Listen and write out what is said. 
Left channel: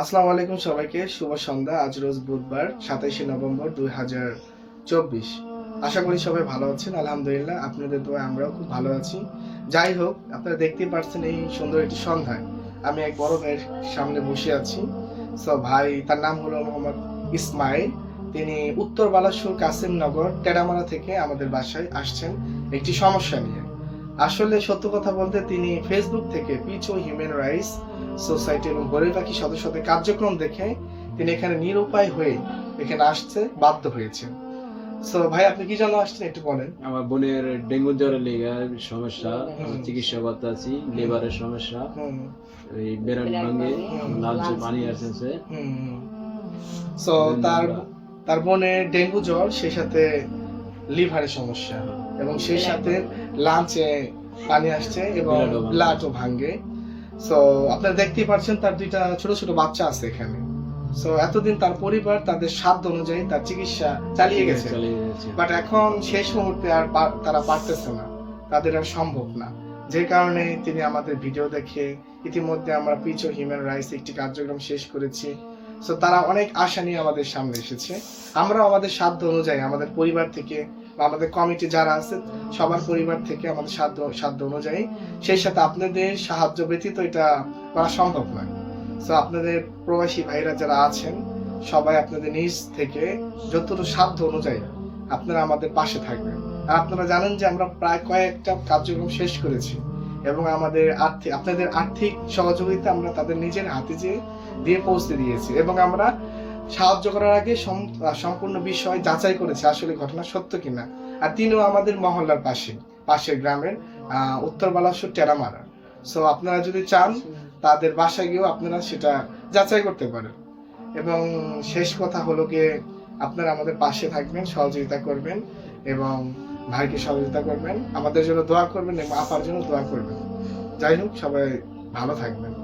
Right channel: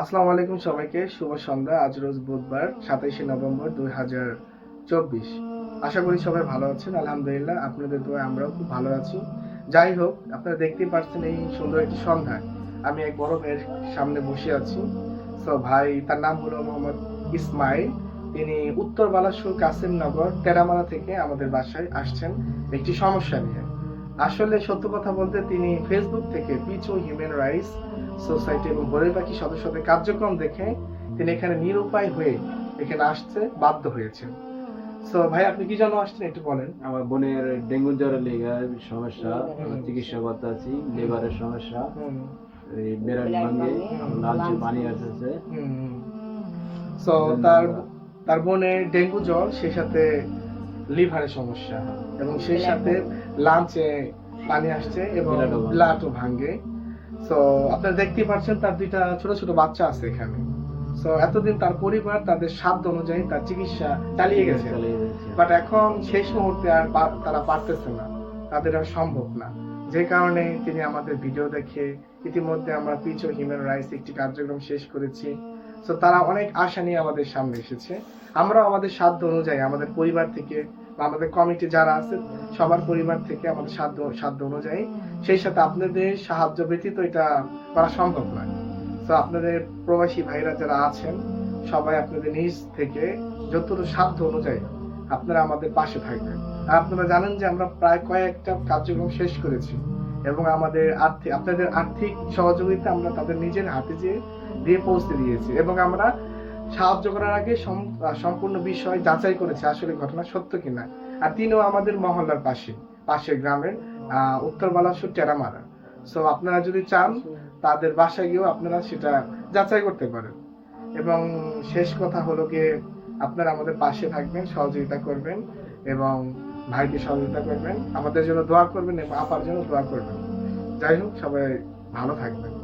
আসসালামু আলাইকুম সবাইকে, শুভ সন্ধ্যা। আজ রোজ বুধবার 27 নভেম্বর 2024। আশা করি সবাই ভালো আছেন। আলহামদুলিল্লাহ, আপনাদের দোয়ায় আমরাও খুব ভালো আছি। যাই হোক, আপনারা দেখতেই পাচ্ছেন এই সুন্দর একটি সন্ধ্যা আমি এক বড় ভাইয়ের সামনে বসে আছি। ভাই, তার নাম হলো মোহাম্মদ ইসমাইল। তিনি উত্তর বালাসুর কাসিমনগর টেরামারা থেকে আমাদের বাসায় আসছেন একটি সমস্যা নিয়ে। আসলে সত্য কথা বলতে তিনি ফেসবুক থেকে পিচ ও হিউম্যান রাইটস সোসাইটি এবং গরিব পাখি সদস্যদের কার্যক্রম দেখে তিনি এখানে নিরুপায় হয়ে এখানে আসতে বাধ্য হয়েছে। ভাই, আপনি কি জন্য আসছেন একটু বলেন। আমার বোনের ডেঙ্গু জ্বরের লেগে সমস্যা, চিকিৎসা করতে আছি। লিভারের সমস্যা, এই বেরন ভাঙে, লালচে পানি আসছে। তার বোনের ডেঙ্গু জ্বর, সেই সাথে লিভারের সমস্যা এবং সেই সাথে লাঞ্চে পানি আসছে এবং ব্লাডও ভাঙে। আপনারা দেখতেই পাচ্ছেন তার দুইটা ছোট ছোট বাচ্চা আছে এখানে। এতদিন তার পরিবার তাদের সাধ্য অনুযায়ী তার চিকিৎসা চালিয়ে গেছে, বাট এখন শেষ মুহূর্তে আর তারা পারতেছে না, তাদের আর সম্ভব না। যে কারণে তিনি আমাদের ভিডিও দেখে, ইতিমধ্যে আমরা পিচ ও হিউম্যান রাইটস একটি কার্যক্রম শেষ করেছি। তারা অনেক আশা নিয়ে আমাদের সামনে এসেছে। আমরাও আমাদের সাধ্য অনুযায়ী আমাদের পরিবার থেকে বা আমাদের কমিটি যারা আছে সবার পরিবার থেকে আমাদের সাধ্য অনুযায়ী, সেই সাথে আপনাদের সাহায্য ব্যতীত এটা করা সম্ভব নয়। আপনাদের প্রবাসী ভাইরা যারা আছেন সবাই আপনাদের নিজ থেকে যতটুকু সাধ্য অনুযায়ী আপনারা আমাদের পাশে থাকবেন। আর আপনারা জানেন যে আমরা প্রায় কয়েকটা কার্যক্রম শেষ করেছি এবং আপনাদের আর্থিক সহযোগিতা আমরা তাদের নিজের হাতে দিয়ে পৌঁছে দিয়েছি এবং আমরা সাহায্য করার আগে সম্পূর্ণ বিষয় যাচাই করেছি আসলে ঘটনা সত্য কিনা। আর তিনিও আমাদের মহল্লার পাশের গ্রামের উত্তর বালাসুর টেরামারা। আপনারা যদি চান তাদের বাসায় গিয়েও আপনারা সেটা যাচাই করতে পারেন। এবং শেষ কথা হলো গিয়ে, আপনারা আমাদের পাশে থাকবেন, সহযোগিতা করবেন এবং ভাইকে সহযোগিতা করবেন, আমাদের জন্য দোয়া করবেন এবং আপার জন্য দোয়া করবেন। যাই হোক, সবাই ভালো থাকবেন।